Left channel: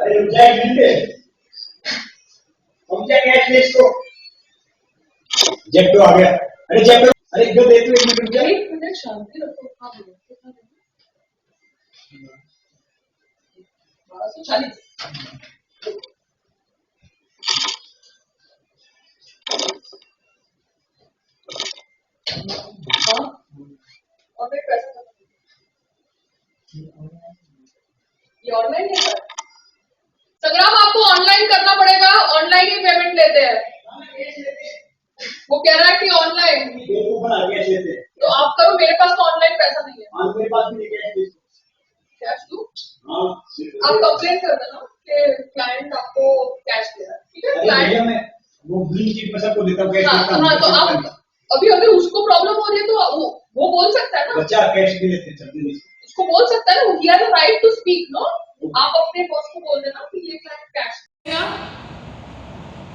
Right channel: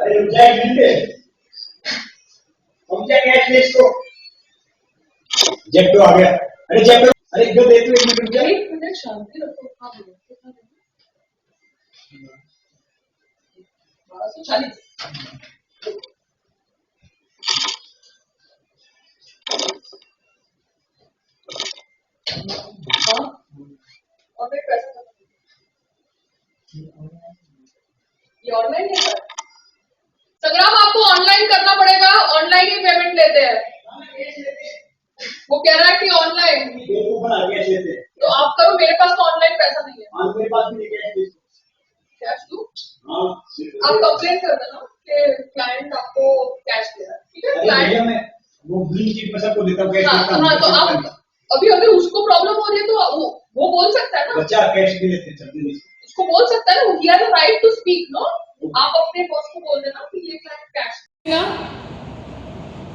अरे रुक जा एक मिनट, हम क्या कैश ले इसको, जेप्टो आ गया। अरे जेप्टो, अरे इधर देख तो एक मिनट रुक जा। एक मिनट शांति रखो। हाँ बोलो कितना देना? 1240। हाँ और फिर पैसा खत्म। ये ऑनलाइन है सर? संग्राम आपको ऑनलाइन करना पड़ेगा, ऑनलाइन ही पेमेंट लेते हैं। वो कह रहा है कि ऑनलाइन, तो आप करो, मेरे पास तो ऑनलाइन पैसा नहीं है। मेरे पास भी कैश दूं? हाँ आप कंप्लेन कर देना कि क्लाइंट आपको कैश दे रहा है, ठीक है? क्लाइंट मैं वो ब्लिंकिट में सबको देता हूँ कैश। हाँ तो आप अभी अगर उसको प्रॉब्लम हो रही है तो वो बोल सकता है ना, बच्चा कैश भी लेते चलते उसको बोल सकता है ना, he has the right to speak. No, आप अपने बॉस को बोल देना कि ये client cash.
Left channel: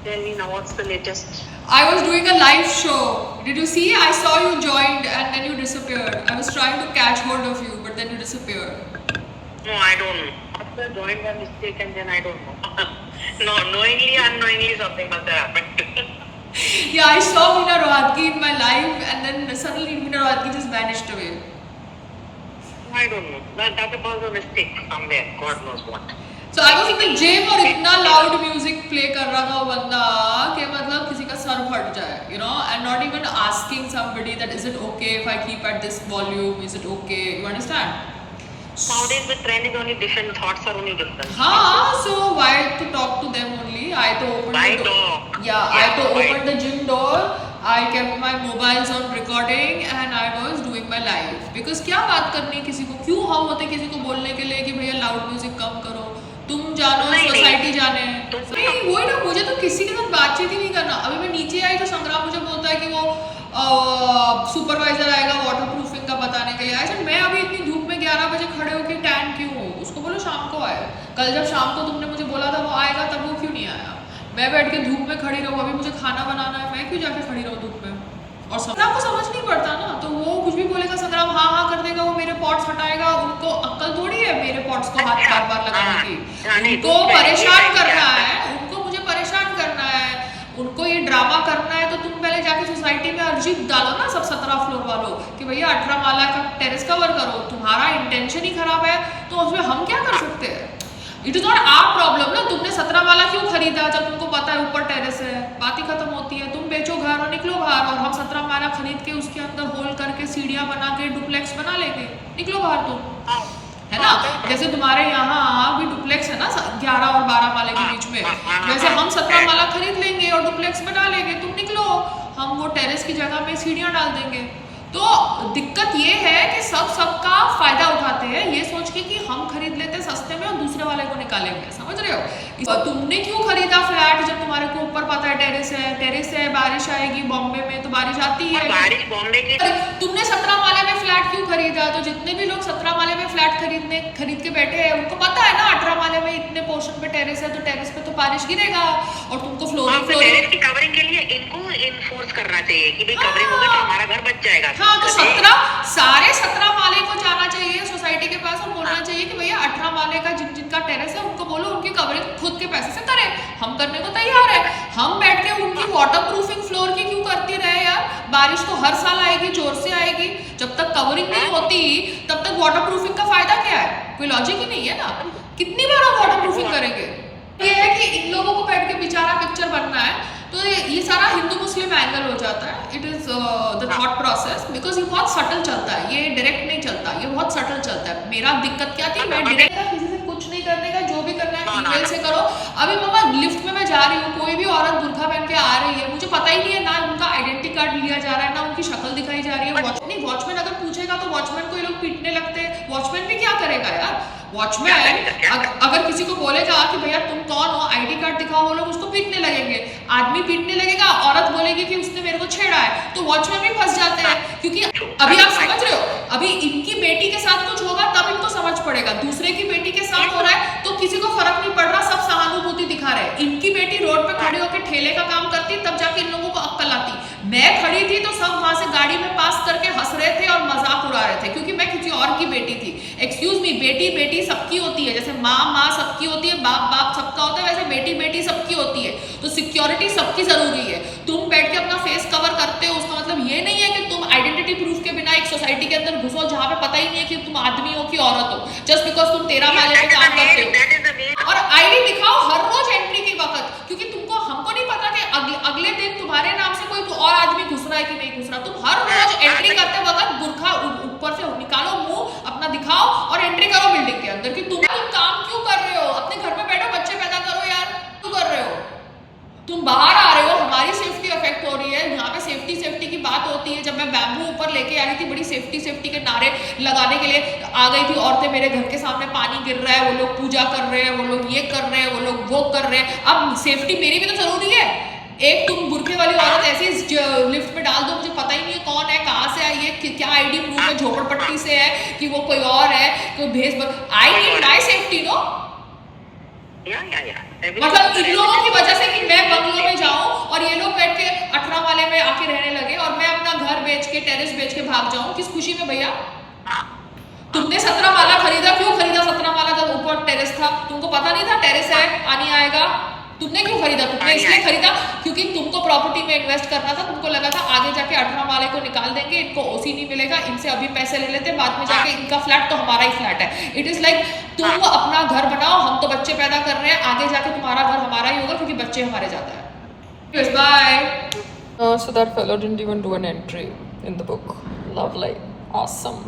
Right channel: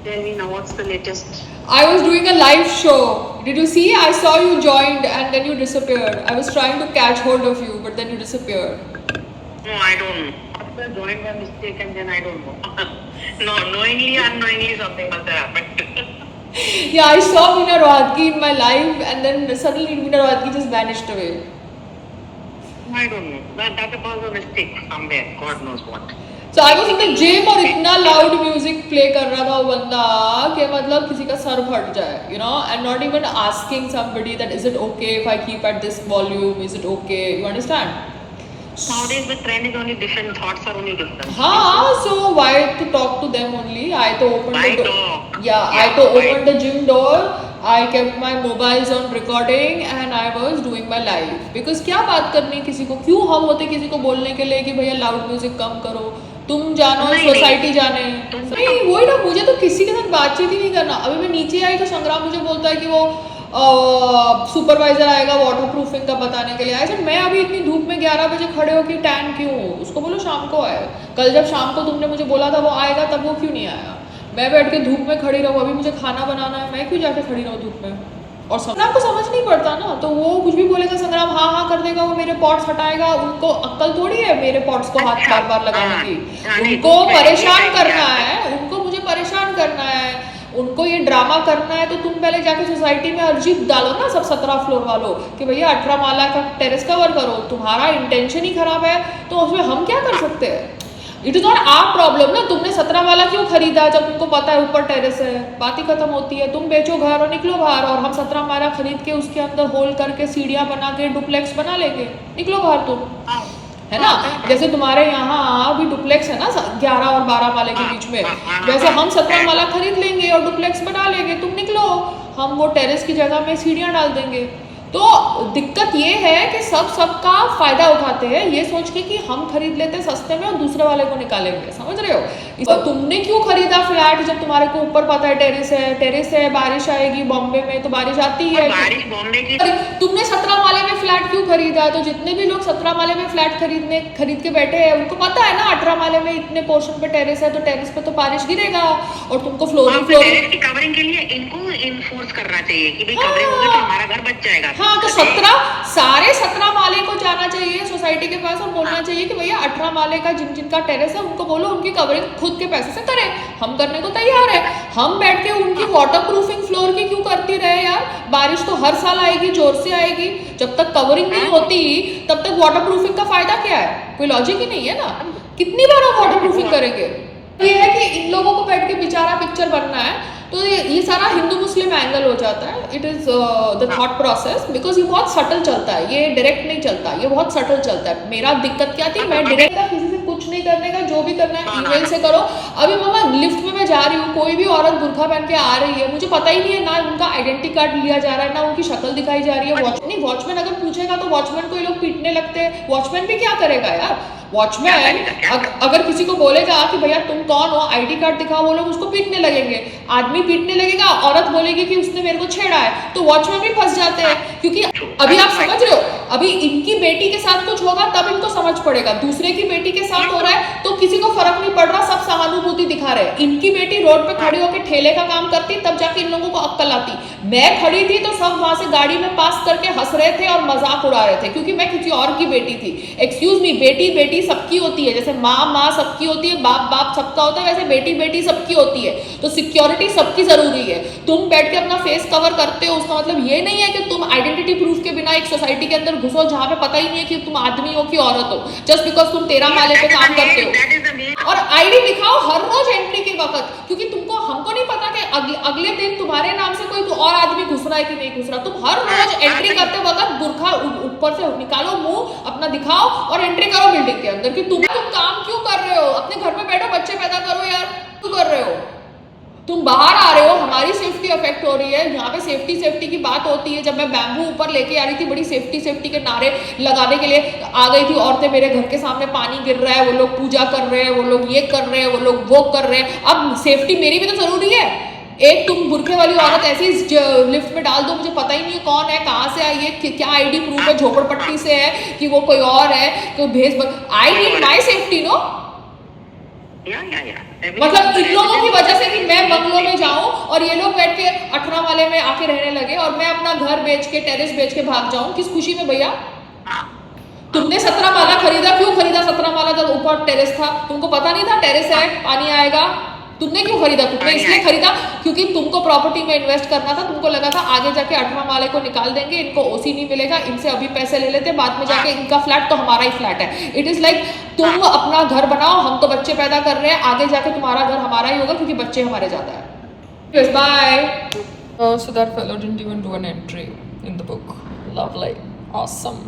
Tell me now, what's the latest? I was doing a live show. Did you see? I saw you joined and then you disappeared. I was trying to catch hold of you, but then you disappeared. No, I don't know. After joined by mistake and then I don't know. No, knowingly, unknowingly something must have happened. Yeah, I saw Meena Rohatgi in my live and then suddenly Meena Rohatgi just vanished away. I don't know. That was a mistake somewhere. God knows what. So I was in the gym और इतना loud music play कर रहा था वो बंदा कि मतलब किसी का सर फट जाए, you know, and not even asking somebody that is it okay if I keep at this volume, is it okay, you understand? Nowadays the trend is only different, thoughts are only different. हाँ, so why to talk to them only? I to open Why the door. talk? Yeah, I to open the gym door. I kept my mobiles on recording and I was doing my live. Because क्या बात करनी किसी को, क्यों हम होते किसी को बोलने के लिए कि भैया लाउड म्यूजिक कम करो, तुम जानो सोसाइटी जाने। नहीं वही ना, मुझे तो किसी के साथ बातचीत ही नहीं करना। अभी मैं नीचे आई तो संग्राम मुझे बोलता है कि वो सुपरवाइजर आएगा वाटर प्रूफिंग का बताने के लिए। ऐसा मैं अभी इतनी धूप में 11 बजे खड़े होकर टैन क्यों हूँ? उसको बोलो शाम को आए। कल जब शाम को तुमने मुझे बोला था वो आएगा तब वो क्यों नहीं आया? मैं बैठ के धूप में खड़ी रहूँ, अभी मुझे खाना बनाना है, मैं क्यों जाके खड़ी रहूँ धूप में? और संग्राम को समझ नहीं पड़ता ना, तो वो कुछ भी बोलेगा संग्राम हाँ हाँ कर देगा, वो मेरे पॉट्स हटाएगा। उनको अक्ल थोड़ी है मेरे पॉट्स को हाथ बार बार लगाने की। उनको परेशान करना है, उनको मुझे परेशान करना है, उनको ये ड्रामा करना है। तो तुम पहले जाके सोसाइटी में अर्जी डालो ना सब 17 फ्लोर वालों कि भैया 18 माला का टेरेस कवर करो। तुम्हारा इंटेंशन ही खराब है तो उसमें हम क्या कर सकते हैं? It is not our problem ना, तुमने 17 वाला क्यों खरीदा जब तुमको पता है ऊपर टेरेस है? बात ही खत्म होती है। तुम बेचो घर और निकलो बाहर, और हम 17 वाला खरीद के उसके अंदर होल करके सीढ़ियाँ बना के डुप्लेक्स बना लेंगे, निकलो बाहर तुम, है ना? जैसे तुम्हारे यहाँ भी डुप्लेक्स है ना 11 और 12 वाले के बीच में, वैसे हम 17 वाला खरीद लेंगे और डुप्लेक्स बना लेंगे, तुम निकलो, हम वो टेरेस की जगह में सीढ़ियाँ डाल देंगे। तो दिक्कत ये है कि सबका फायदा उठाते हैं ये सोच के कि हम खरीद लेते हैं सस्ते में और दूसरे वाले को निकालेंगे, समझ रहे हो? तुमने क्यों खरीदा फ्लैट जब तुम्हारे को ऊपर पता है टेरेस है, बारिश आएगी, बॉम्बे में तो बारिश आती है। बारिश बॉम्बे की। तुमने 17 माले में फ्लैट क्यों खरीदा? तो जितने भी लोग 17 माले में फ्लैट खरीद के बैठे हैं उनको पता है ना 18 माले में इतने पोर्शन पे टेरेस है, तो टेरेस पे तो बारिश गिरेगा और तुमको फ्लोरिंग की कवरिंग के लिए इनको इन्फोर्स करना चाहिए कि भाई कवरिंग होगी तो हमारा घर बच जाएगा। हाँ, तो 17 माले को जाना चाहिए सोसाइटी के पास और बोलना चाहिए कि भैया 18 माले का जिनका टेरेस है उनको बोलो उनकी कवरिंग खुद के पैसे से करें, हम करने को तैयार है। हम बैठ के उनकी वाटर प्रूफिंग फ्लोर की क्यों करती रहे यार? बारिश तो हर साल आएगी, जोर से आएगी, जब तक कवरिंग नहीं होती तब तक वाटर प्रूफिंग का फायदा क्या है? कोई लॉजिक ही नहीं है ना। कितनी बार हम वाटर प्रूफिंग करेंगे? ये है कि इन लोगों को बैठ के बेचारा पिक्चर बनना है, तो ये सारा हिंदू मुस्लिम एंगल हो जाता है। It is the thought process, because ये बहुत सटल चलता है, ये डायरेक्ट नहीं चलता, ये बहुत सटल चलता है। मेरा दिक्कत क्या थी, मैं डायरेक्ट किसी से कुछ नहीं करने का, जो भी करना है ईमेल से करो। अभी मामा लिफ्ट में मैं जा रही हूँ, कोई भी औरत बुर्खा पहन के आ रही है, मुझे पता ही नहीं है ना उनका आइडेंटिटी कार्ड लिया जा रहा है ना उनकी शक्ल दिखाई जा रही है। वॉचमैन अगर पूछेगा तो वॉचमैन को ये लोग पीटने लगते हैं। वॉचमैन भी क्या करेगा यार? वॉचमैन अगर किसी को बोलेगा कि भैया तुम कौन हो, आईडी कार्ड दिखाओ, वो लोग उसको पीटने लगेंगे। आदमी पीटने लगेगा, औरत बोलेगी कि उसने मेरे को छेड़ा है, तो वॉचमैन भी फंस जाते हैं। क्योंकि अभी आप समझ रहे हो, अभी इनकी बेटी के साथ कुछ होगा तब इनको समझ पड़ेगा, दूसरे की बेटी के साथ हो रहा है तो किसी को फर्क नहीं पड़ रहा, सब सहानुभूति दिखा रहे हैं। इनकी बेटी रोड पे खड़ी होकर ठेले का काम करती, तब जाके इन लोगों को अक्ल आती। मैं खड़ी थी तो सब वहां से गाड़ी में पास करके हंस रहे थे और मजाक उड़ा रहे थे, क्योंकि मैं किसी और की बेटी थी। एक्सक्यूज मी, बेटी बेटी सबकी होती है, जैसे माँ माँ सबकी होती है, बाप बाप सबका होता है, वैसे बेटी बेटी सबकी होती है। तो सिक्योरिटी सबकी जरूरी है। तुम बैठ के अपना फेस कवर करते हो, उसका मतलब ये नहीं है कि तुम आइडेंटिटी प्रूफ के बिना एक सोसाइटी के अंदर घुसो जहां पे पता ही नहीं है कि तुम आदमी हो कि औरत हो, जस्ट बिकॉज तुम 13 माले पे काम करते हो। और आईडी दिखाओ हर रोज एंट्री के वक्त, क्योंकि तुमको हमको नहीं पता कि अगले दिन तुम्हारे नाम से कोई और आदमी घुस रहा है कि नहीं घुस रहा। तुम हर रोज एंट्री करते वक्त बुरखा ऊपर से निकालो, मुंह अपना दिखाओ और एंट्री करो बिल्डिंग के अंदर। कि तुम काम क्यों कर रहे हो? अपने घर में बैठो, बच्चे पैदा करो यार, क्यों कर रहे हो? तुम बाहर आ रहे हो, हमारी सेफ्टी अफेक्ट हो रही है। यहाँ पे सेफ्टी सेफ्टी की बात होती है। जब मैं बैम्बू ऊपर लेके आ रही थी, बड़ी सेफ्टी सेफ्टी के नारे लगाने के लिए आ गई थी औरतें, मेरे घर के सामने पानी गिर रहा है, वो लोग पूजा कर रहे हैं, वो लोग ये कर रहे हैं, वो लोग वो कर रहे हैं। अब सेफ्टी मेरी भी तो जरूरी है। एक तुम बुरखे वाली औरत ऐसी लिफ्ट में डाल दो, मुझे पता ही नहीं है कौन है, कहाँ से आई है, क्या आईडी प्रूफ है, झोपड़पट्टी से है कि वो कोई और है, कोई भेज। I need my safety no. मतलब इन लोगों की वजह से कि मैं बंगलों में जाऊं और ये लोग बैठ के 18 वाले में आके रहने लगे और मैं अपना घर बेच के, टेरेस बेच के भाग जाऊं, किस खुशी में भैया? तुमने 17 माला खरीदा, क्यों खरीदा 17 माला जब ऊपर टेरेस था? तुमको पता नहीं था टेरेस है, पानी आएगा? तुमने क्यों खरीदा? तुमने इसलिए खरीदा क्योंकि तुमको प्रॉपर्टी में इन्वेस्ट करना था। तुमको लगा था आगे जाके 18 वाले को निकाल देंगे, इनको ओसी नहीं मिलेगा, इनसे अभी पैसे ले लेते, बाद में जाके इनका फ्लैट तो हमारा ही फ्लैट है। इट इज लाइक तुम अपना घर बनाओ, हम तो बच्चे पैदा कर रहे हैं, आगे जाके तुम्हारा घर हमारा ही होगा क्योंकि बच्चे हमारे ज्यादा है। Bye. So that fellow didn't even do an entry in the book. Lovely. Awesome.